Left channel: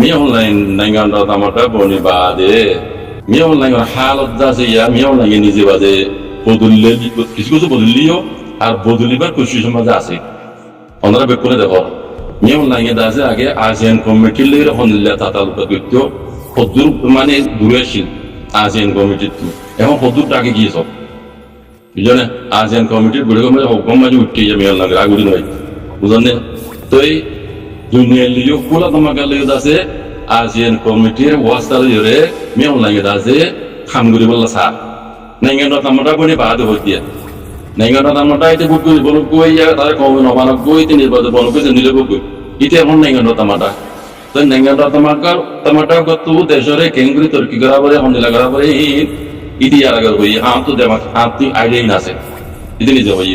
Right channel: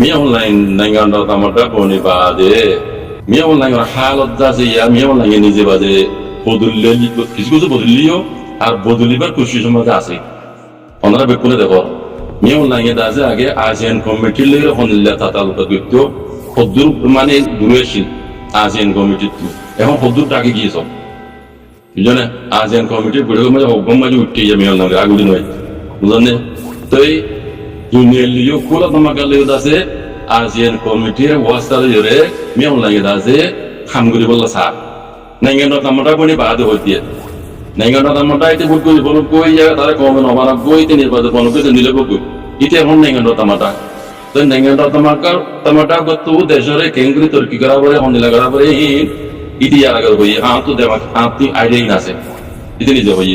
mi online nangan do tamata boni bade mi online halat jase ya mi online নিজে বাদে বদললে কিছু কিছু বদলিও আর বদলিবার খুশি সমাজ আছে ওনারা বেকুনে দেখো mi online দাজে আগে আসিয়ান কমিটির লইরে হনিল্লা তাতালুকা করতে হদ্দুর মানে দূরে ছিল আসিয়ান কমিটি এখন হদ্দুর টাকে গিয়েছ বুঝলে আসিয়ান কমিটির বুড়ে মাঝে হুকুম মাঝে উঠতে যাবে mi online আগুদি নয় বুঝলে তো এই দুনিয়ার লিও কোলা তোমাকে লিও দাসে আসিয়ান কমিটির ওয়াস্তাল জরে mi online দাসে খামগুড়ি বললা সা নাইঙ্গন তামাটা বনি বাদ হইতে নাইঙ্গন তামাটা এতে বুট কই বন কই ইয়া তারে কমে নবানা কইতে নির্বাচন বন কইছে নিলে বকই ইতে এখন নাইঙ্গন তামাটা তো নাইঙ্গন তামাটা গত দেশরে কেঙ্গুরি তুর্কি করা বলে হন্দিলা করা বলে ইতি আর আগে হই আম তো দেমা আপনি আইডিয়া আছে ইতে নিজে হই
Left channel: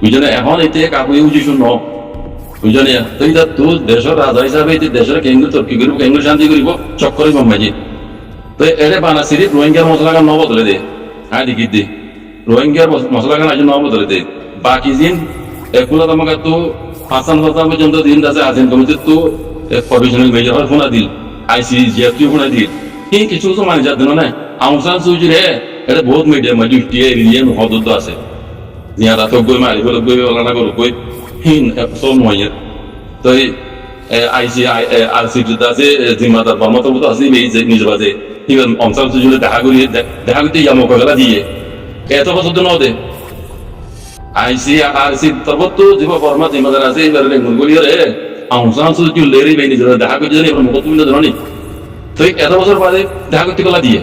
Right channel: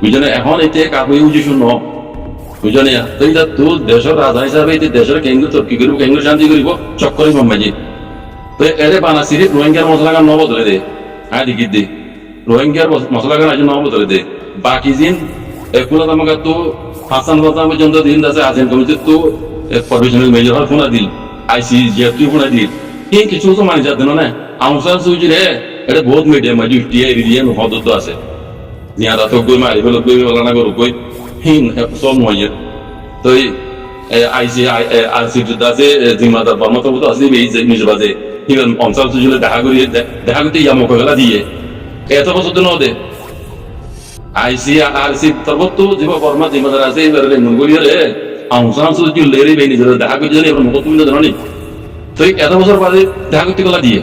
বুঝনে এখন এতে কাকুই উজি শুনো বুঝনে তো এটা তো দেশের রাজা হিসাবে এতে দেশের কেঙ্গুরি তুর্কি করিব কেঙ্গুরি শান্তি করিব চক্করে মামাজি তো এরে বানা সিরিফ রোহিঙ্গার মশলা গান নবদলে দে আদি গিদ্দি রোহিঙ্গার মশলা গান আজ নবদলে দে বাকি দিন একুলা আমাকে তো হাসান কথা পর্যন্ত দিন আছে আসেন কমিটি তো প্রফেশনাল মেজর হল ফোনা দিল আইসি জিএফটি ফোনা দিল কি কিছু তো মানে যাতে না আউসান সুজি রে এটা বহুত মিডিয়া মাঝে উঠি এরিয়ান হদত আছে জিয়া তা তো গই মারি বলে গই ওলা না গরু গই হিন সব নয় তো আইসি আরসি দাসে জিম্মাদার বর্মত মতো আসলি নিজ বাজে ইভেন অঞ্চল সুজলে দেখা করতে ইয়ামক গেলা দিয়ে এত বছর তো নদে আইসি আরসি তরবত জীব বর্মা জিম্মাদার আছে এবার লেঙ্গুন গলিয়ে রে অঞ্চল সুজল লেরি বেনি দেখা করতে জানি এবার মত তুমি জানি তো এত বছর বাদে দেখা করতে গেলা দিয়ে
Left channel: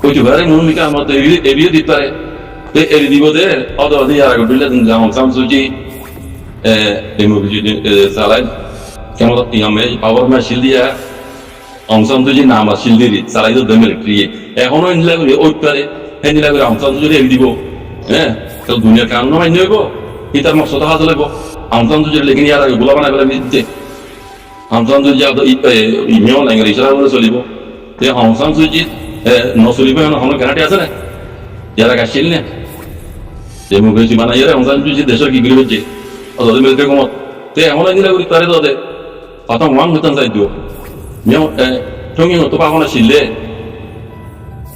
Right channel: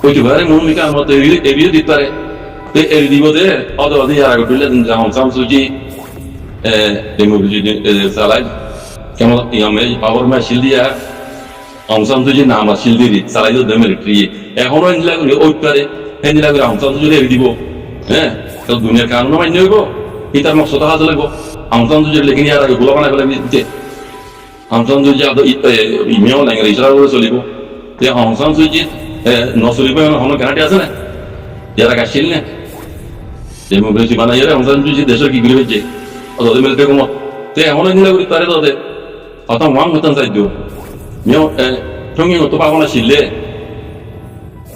কইতে পারে মূমিকা আমার তো এরিও দিতে পারে তো এরি দিব দে অদ অদ ইয়ার আগে দিলে অঞ্চল সুজি ডেমোক্রেসি চালাই কেমন ইয়ামে পাওয়ার মে শিল দিয়া অংশান তুই নাম শিল দিয়ে চালাই তো মিলিটারি এখনো নিলা করে ওই পারে হ্যাঁ নিলা করে অংশান তুই এড়ি দিব হ্যাঁ তাহলে দুনিয়ার কানুন মান্য হইব ই তার মকসদ হাজ লাগবো অংশান তুই লেকিন ইয়ার আগে গোলা বানাই পেলাই দিতে অংশান তুই ইমেও লাগে ইশারা করে চলিব তে অংশান তুই নচলিব এখন গ্যারান্টি আছে না ইয়ার আগে আসছিল না ডেমোক্রেসি বানাই অংশান তুই দেশের কি করে যে অত মিলিটারি কমত তে এখনো নিলা করে তারে তো কথা ওয়াং হতাম চাই দিও মিও ঠঙ্গি তো পাবো না ছিলে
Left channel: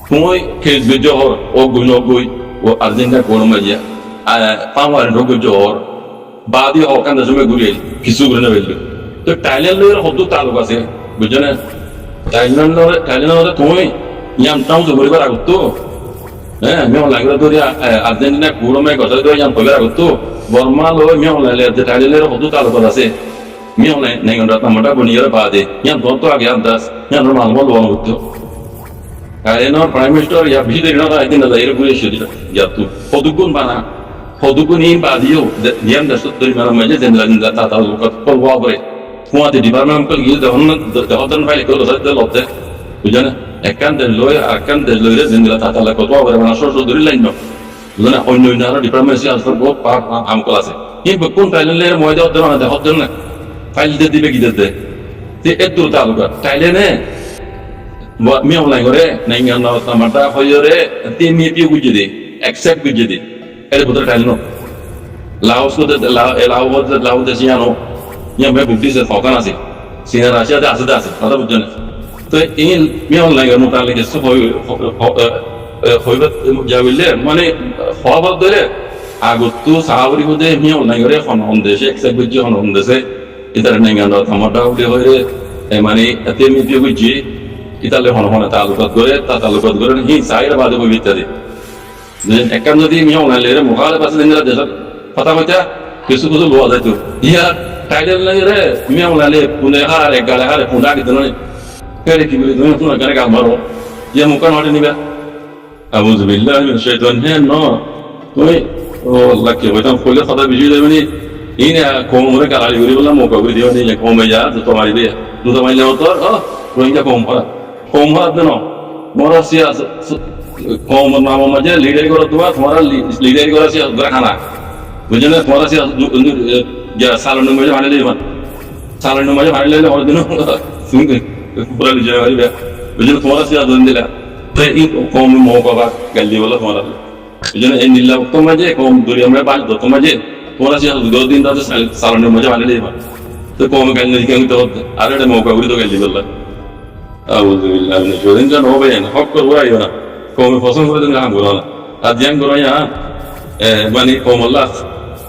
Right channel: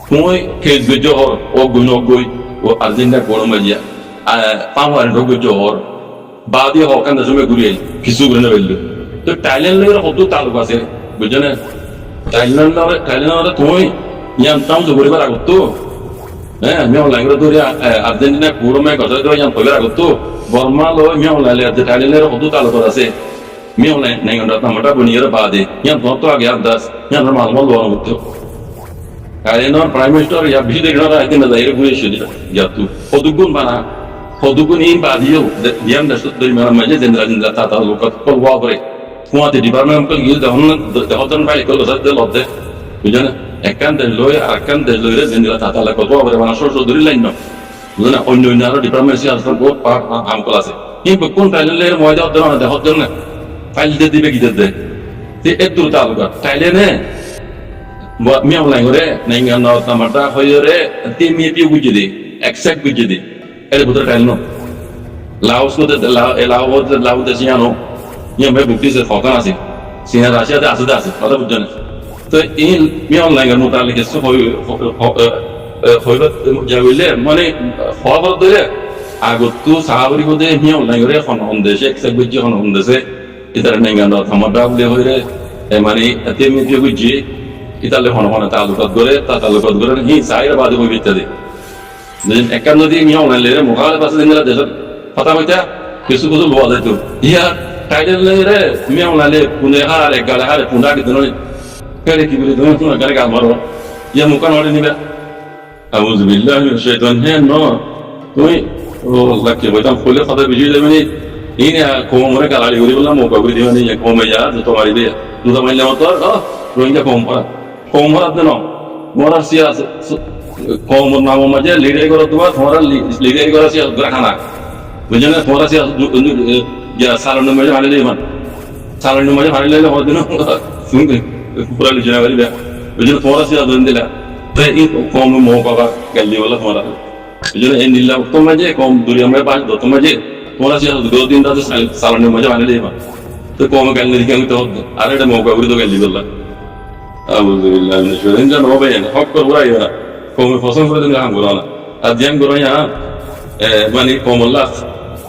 তুই খেল গজহর ও গই নগই ও আর্জেন্টিনা কোন মাজিয়া পামার ঢগজহর বাদি হকান দশমে ঘুরিয়ে কিছু করে নেবেল তো থাইল্যান্ডের হদ্দ তালুক আছে বুঝছো না থাইল্যান্ডের তুই ইয়াম টাউ জগরিবার আগত তো হ্যাঁ মিও লাগরা ধরিয়া আর্জেন্টিনা কোরমে গজা ধরে ইয়াম কইবার আগত তো বর্মা লয় মিও লাইলে থাইল্যান্ডের হদ্দ তালুক আছে mi online nangan ratna mata buniyara baade yan to age andas yan normal mal wona utto kare no prime minister ya bhi de na idin da ere gure shidi ya tu hodugun bana hodugun in baadiyo yan da sudri mana maje zendra ta ta lokat kol wabre kuate department kol gil da hodan file kol da lobde bujana ekan de loy akan de loyre zendra ta ta lokat wabre mana so duri lain no bujana onno inaro department si alfa go pa am kol ase in bekun talen ler moide odna da hodon na file দিয়ে দিবে কি দিতে যে এত তালুকা তাইলে নে me online করে নাইঙ্গা নাও তামাটা হইরে তে মি পিউ গুজে দি অ্যাকসেপ্ট গুজে দি এর ভিতরে টাইল নো লাওস কো লাও দে সিয়ানো ইয়া মে বুকটি সে ফকান আছে সিনা রাশিয়া দে আছে কথা বুঝছো না তো এই মি অনলাইন এর মোতালেক এসে হইবে যাইলে মানে খবর দিলে আগতো সাহাবরি হদে মি অনলাইন করে হন দেশে অ্যাকসেপ্ট গুজে হন দেশে ইতার নাঙ্গানো থামাটা উড়ে হইরে মানে এতে মিটিয়ে বুঝি ইতালে হন হন তালুকাত করে হি সাইর বাদে বই বিত্তাদি যেন একান যদি মি অনলাইন লেরে মুখালে পাশে দিনলা দেশত কথা মইতা কিছু লোয়া যাইতো ইয়া টাইটেল লেরে মি অনলাইন পুনে হারে গালে হারে পুনা কি দননি কেরে কি বলি তুমি শুনো গানে গাল মারো ইয়া মুকান হটে নিবা আউযু বিল্লাহি মিনাশ শাইতানির হে নো তুমি ও লাকি হইতাম ফলে কথা busy যাবেনি ini komore kalali guri bolla moka guri diwani ya kome ya to mari be duda maille motor rohingya komora deno mora sia komor namo maje leader gora duwa tomara leader gora sia gora khana bujene tomara sia ya salon maje bhale le man salon maje bhale le hor dino sun pura le jana bari be bujene tomara sia don dila te in kom moka ba galli bolla tomara bujene en dilla to maje kom duriya me ba to maje তোমার যে 2 দিন দাদা সালনের মজা বানালে তো কমে গালি দিকে আমি তো আর এটা মৌকা করি তো গালি করলাম আলহামদুলিল্লাহ সেদিন যেন হবে না হক করবো রাইও না কমে পছন্দ করে দিন হাম করো না আর জ্যাং করো মানে কমল্লা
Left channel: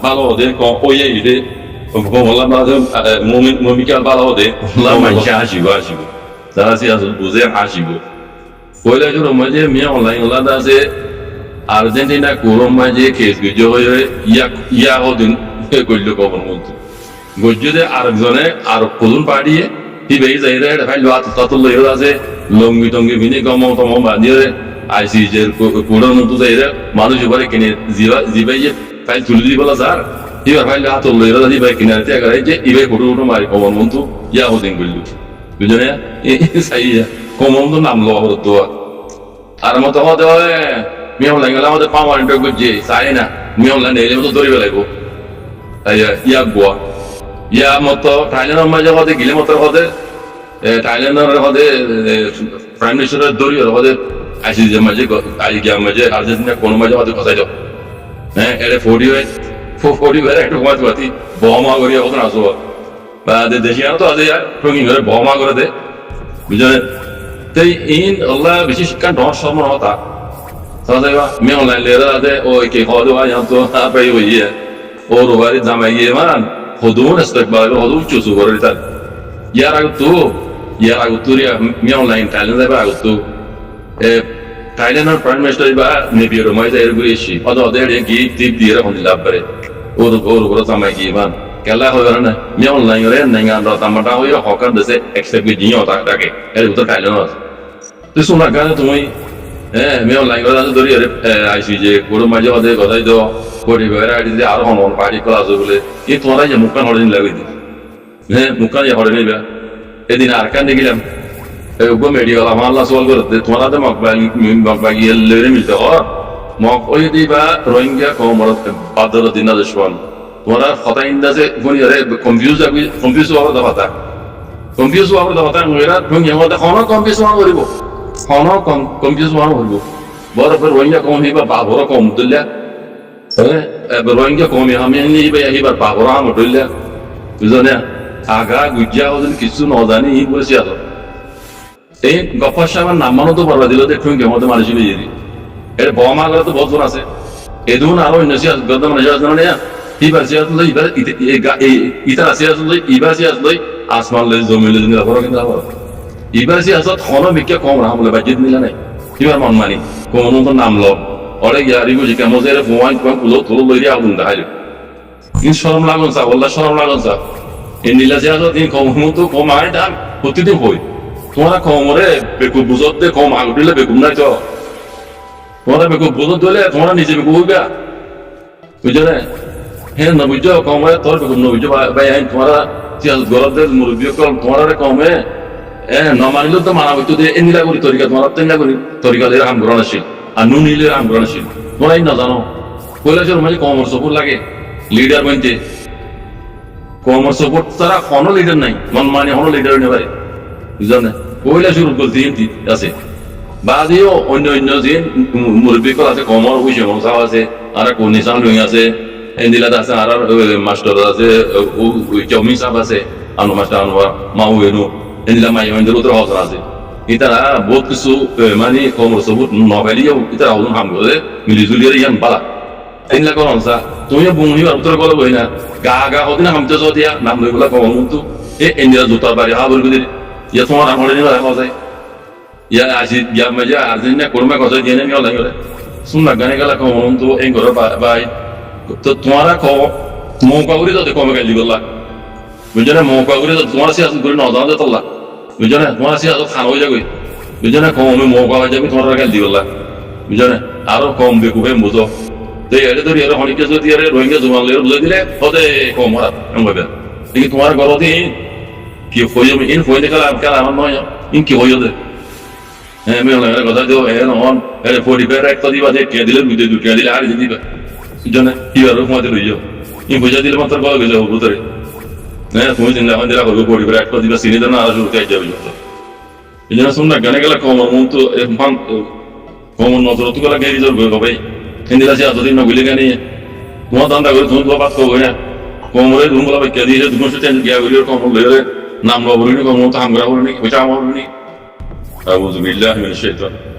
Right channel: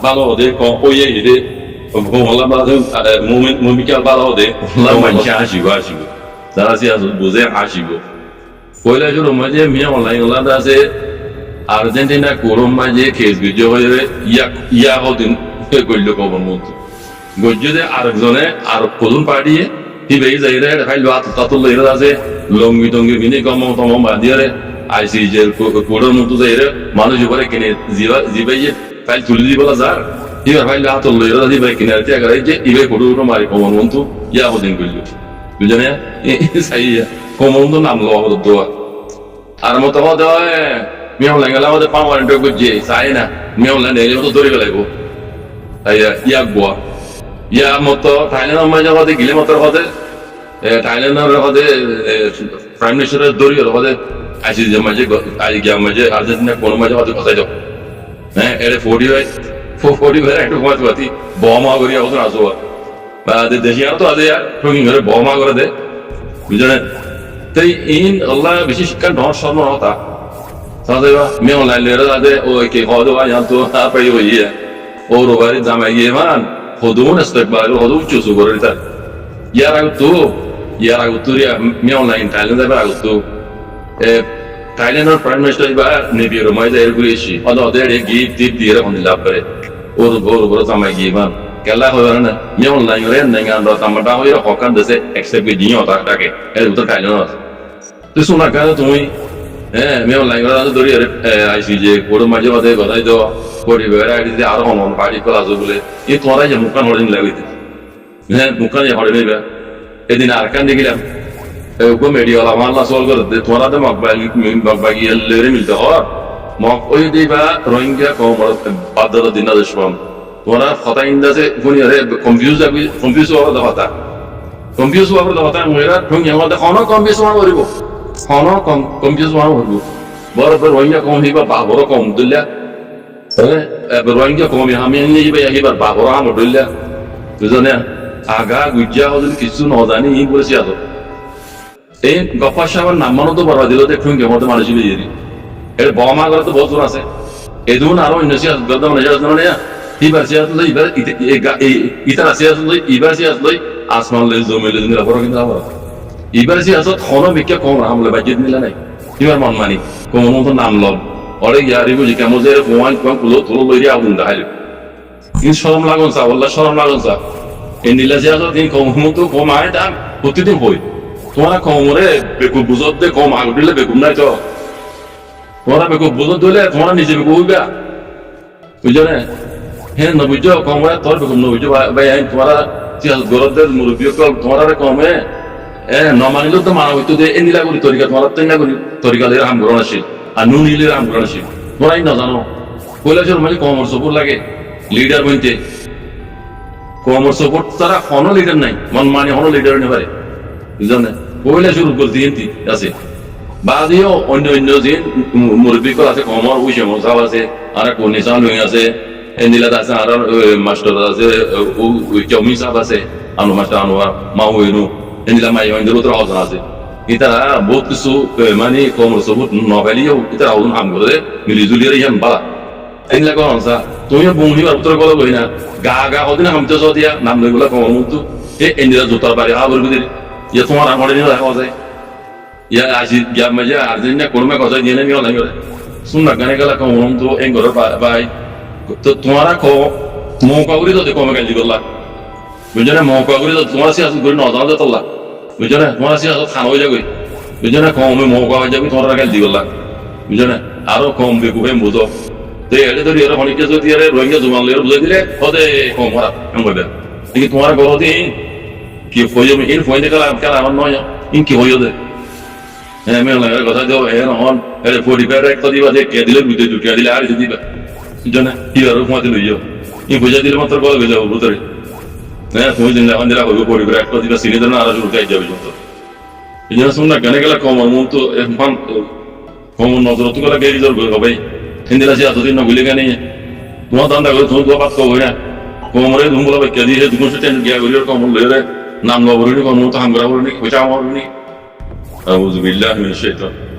ভালো হতে ওই দে কমল্লা ভালো মমিকাল ভালো হতে মানুষ আসিব আসিব যারা সে আসল বুঝে আসিব পয়লা শুরু মাঝে মিয়া অনলাইন ওলাদা আছে আর্জেন্টিনা কোরম মাঝে কেস গুজ হয়ে ইয়া হদিন করল কবর মতো গজ্জে আরেকজনে আর কজন পাঠিয়ে কি বেই যাই রে ফাইল তাতুল লইরা আছে লঙ্গি টঙ্গি ভিনে গম তম বাঁধিয়ে রে আইসি যে কোড়ের মতো যাই রে মানুষ উপরে কিনে জিবাই যে ফাইল তুলে দি বলা যার এবার ফাইল হাতুল লইরা জিবাই কিনারে ত্যাগ রে যে ইবে কোড়ো মারি কমর মতো ইয়া হদিন করল বুঝলে সাই কমর তো নাম লওয়া হতো দোয়া আর মতো হতে মিয়াম লাগে আমাদের পার্মানেন্ট গুজে চাই না মিয়াম লাগে এলে মতো দৌড়ি বেলাইব ইয়া গোয়া ইয়া মতো থাইল্যান্ডের মাঝে হতে গিলে মতোর হতে থাইল্যান্ডের হতে প্রাইম মিনিস্টারের দৌড়ি হতে আইসি যে মাঝে আই গিয়া মাঝে আর্জেন্টিনা কোনো মাঝে হতে কথাই যাও হ্যাঁ এটা 40 একটু মাছ পাতি বহমা করিয়া কত আসো বা দেশি আর তো আছে ঠঙ্গি করে বহমা করে দে বুঝলেন তাই ইন আল্লাহ বেশি শিক্ষা ডর শর্মর হতা সাজাইবা মেয়ে অনলাইন লেরা আছে ও কে খাওয়া দাওয়া তো পাই হইয়া ও রোবারি জামাই গিয়ে মান হদুন ইস্তেকবাল হদুন চুসু করে তার ইয়ার আগতো রিয়া মেয়ে অনলাইন থাইল্যান্ড যাবে আগতো থাইল্যান্ডের প্রাইম মিনিস্টার বা নেবিয়র মাই যাই ঘুরে এসি ওদের গিফট টিপ দিয়ে রাখুন লাভ করে ওর উপরে জামাই গিয়ে মান কেলা হইবে না মেয়ে অনলাইন রে নেঙ্গা তামাটা হইরা হকার দেশে এক্সেপ্ট করে জিও তাকে এর ভিতর থাইল্যান্ড আছে তুই শোনা গান তুমি হ্যাঁ মেয়ে অনলাইন করে আছে ধরি আইসি যে কোড়ো মাঝে মাঝে কথাই তো কোটি বেড়া আইডি দিয়ে আরো হন পার্টি করা আছে বলে এই তোমরাই যে মুখান হরে লাগবে হ্যাঁ মুখান হরে নেবে এদিন আর কান দেখিলাম ওগো মেডিওলা মাল্লা সওয়াল করে তোমরা তো মকবাগি লেরে মিলতে হর মক ওই দিবা রোহিঙ্গা কমর বাদর দিন দেশবান তোমরা কথা ইন্দাজে কোনি রে কনফিউজ হওয়ার কথা কনফিউজ হওয়ার কথা মেয়েরা তুমি আমাদের হন কনফিউজ হওয়া করিব হন কনফিউজ হওয়া করিব বরাবর রোহিঙ্গা কম হইবা বাহর কম দুল্লা রোহিঙ্গা কম আমি নিবা হিবার বাহর হাম দুল্লা বুঝনে আগা গুজ্জা হদিন কিছু নজানি ই বলেছি আজ এই গফার সাহেবের নাম মানো তো বরবা দিল দেখুন কে মধ্যে মানুষ বেরিয়ে এর বমা করে তো বহুত জন আছে এদুন আরো অন্য সিয়াস গদ্দাম নজার জানো না হিবার সিয়াস লই ইবার ইতারা সিয়াস লই ইবার সিয়াস লই আসমান লই জমি লই নিলা বড় কিন্তু আমার ইবার সিয়াসত খনো মিকে কম রামলে বাজিত নিলা নাই ইবার মন মানি কোন তো নাম লব ওরে ইয়ারি বুঝি কেমন যে ফোয়ান কোন কুলো তোলো লইরি আগুন দেখাইলো ইন শরম লাগুন সা ওয়াল্লাহ শরম লাগুন সা এই নীলা সিয়াসত ইন কম তো কম আয় দাম প্রতিদিন হই তোমরা কমরে বেকু বুঝত দে কম আগ দিলে বেকুম নাই তো তোমরা বেকু বুঝত দিলে তোমরা নিজে বেকু হইবা বুঝছো না হ্যাঁ না বুঝছো কমরে তোর বেকুম না বুঝছো ভাই তোমরা গরত দে মুরব্বী কল তোমরা কমে ন মানিলেও তো মানা হইতো দে এনিলা করি তরিকা তোমার তেনিলা করি তরিকা লইরা হাম করানো ছিল আর নুন নিলে হাম করানো ছিল তোমরাই না জানো কৈলাসের মাঝে কমর সপোর্ট লাগে লিডার বনতে কমর সপোর্ট তারা হনো লিডার নাই মন মানে হনো লিডার নেই পারে বুঝলেন না কইলা শুরু করতে হিন্তি আছে বাদিও অন্য অন্য যে মুরব্বী কল আছে কমর ওই সময় সাহ আছে আর কোন নিশান লুই আছে এন্দিলাত আছে আর মাস্টার আছে ওই চমি সাহেব আছে আনু মাস্টার আনোয়ার মাউ এনু এন্দিলা মাই এন্দির উত্তর হজন আছে ইতারা বহুত কিছু মানে কমর সবুত নভেলিও ইতারা হজন হাম করে মিলি জুলিয়ার ইয়ান বালা এন্দিলা কোন হনসা তুমি বুংহি উত্তর কল কই না গা হদিন হামতে দিয়া নাম লই বলা কমর মুন্তু এ এন্দিলা জুতার বাড়ি হাবর বিদিরি ইয়া তোমার আমরে নিয়ে দেখা যায় ইয়া আসি গিয়া মজা আর্জেন্টিনা কোরমা কথা দিয়ে নিয়ে লাগে রে শুননা গানে গেলা কম তো এন ঘর ভাই তো তোমারা কো মৌকা করি তো কমে গালি দিবলা বুঝছো না মৌকা করি তো তোমার সিয়াসত করি না জানা দতলা বুঝছো না তোমার সিয়াসত খান হয়ে যাবে বুঝছো না কমে মৌকা হয়ে যাবে তোমার গালি দিবলা বুঝছো না আরো কম বেকুবে বুঝো তো এড়ে ধরি এর অনেককে যদি এর রোহিঙ্গা জুমান লের বুঝাই দিলে হদে কম হারা এম কইবে কিন্তু তোমার ঘর দিয়ে কি হইও ইন ফোনে কালা আমার নয় ইন কি হইও দে হ্যাঁ মেয়ে লাগে কথা দিও হ্যাঁ নন এর 45 একটা দিবা যে কে দিলে দুই দুটো দিলে আর যে দিবা জানে কি আর কমা দিল ইও ইন বুঝা দিলে মাত্র গলে গেলে হবে তোরে হ্যাঁ তুমি দিন না দিলা হবে 45 একটা দিবা সিনে দেন আর শুরু কাজ যাবে যত এই জন্য শুন না গানে গেলা কমর মন তো মান কমর নজর তো গলা গেরি জোর গো ভাই হিন্দিলা সে এতদিন নগিলে গানে তোমার দান্দা করে তুমি তো বাত কো না কোমরে ধুম বলা বাক্য দিয়ে দুগুণ সে টেন গিয়া করিয়ার কমল লইরে নাম লবরুনি কমল তো হামগরা বলুনি পয়সা আমার বলুনি আউযু বিল্লাহি মিনাশ শাইতানির